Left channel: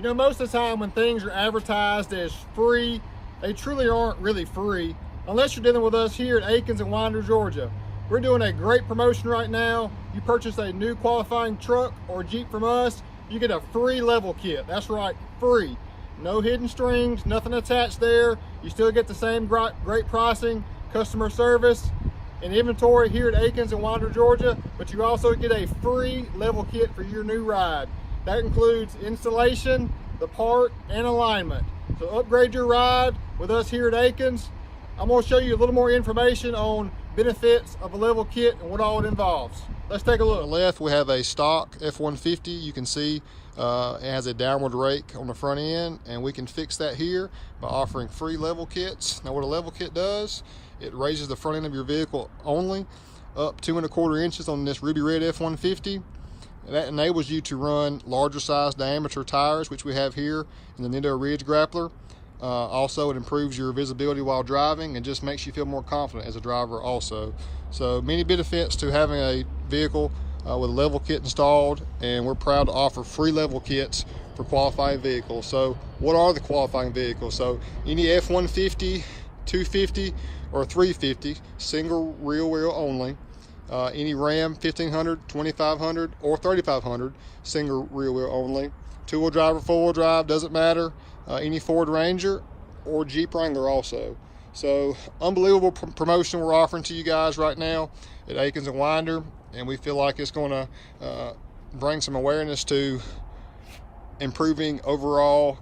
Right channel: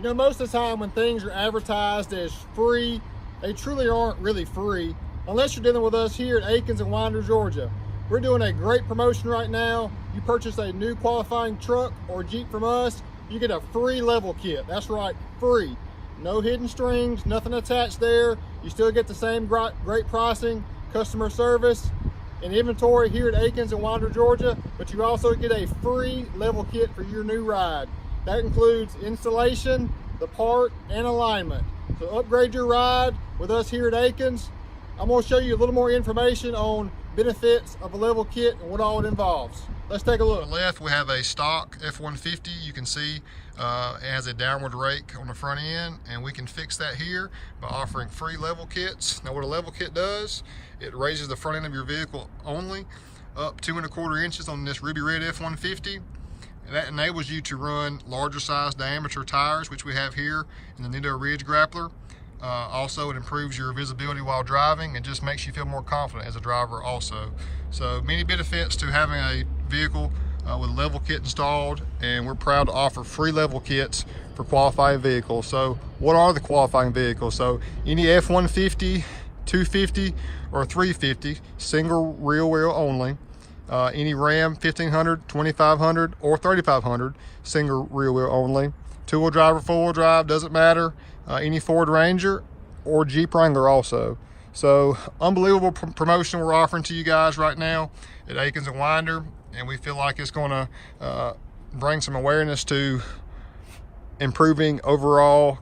You know, most of the time when things are advertised as free, they truly aren't really free, unless you're dealing with us here at Akins in Winder, Georgia. We're doing a great promotion right now. You purchase a new qualifying truck or Jeep from us, you get a free level kit. That's right, free. No hidden strings, nothing attached there. You still get the same great pricing, customer service, and inventory here at Akins in Winder, Georgia, but you also get a free level kit for your new ride. That includes installation, the part, and alignment. So upgrade your ride with us here at Akins. I'm going to show you a little more information on benefits of a level kit and what all it involves. Let's take a look. On the left, we have a stock F-150. You can see it has a downward rake on the front end, and we can fix that here by offering free level kits. Now what a level kit does, it raises the front end of your vehicle only up 2¼ inches on this ruby red F-150. That enables you to run larger size diameter tires, which we have here in the Nendo Ridge Grappler. Also, it improves your visibility while driving and just makes you feel more confident as a driver also. So many benefits to having a vehicle with a level kit installed, and we're proud to offer free level kits for qualifying vehicles. So what are the qualifying vehicles? So any F-150, 250, or 350, single rear wheel only. Any Ram 1500, 2500, or 3500, single rear wheel only. Two-wheel drive or four-wheel drive, doesn't matter. Any Ford Ranger or Jeep Wrangler also. So unbelievable promotion we're offering to you guys right now at Akins and Winder, and we feel like it's going to bring some awareness to improving overall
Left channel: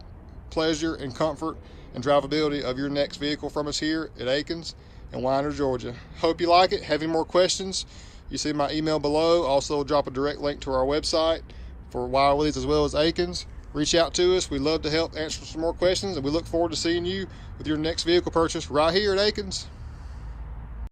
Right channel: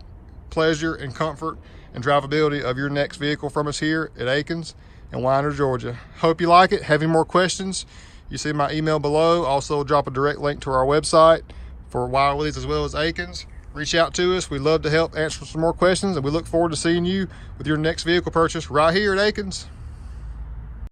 pleasure and comfort and drivability of your next vehicle from us here at Akins in Winder, Georgia. Hope you like it. Have any more questions, you see my email below. Also drop a direct link to our website for Willies as well as Akins. Reach out to us. We'd love to help answer some more questions, and we look forward to seeing you with your next vehicle purchase right here at Akins.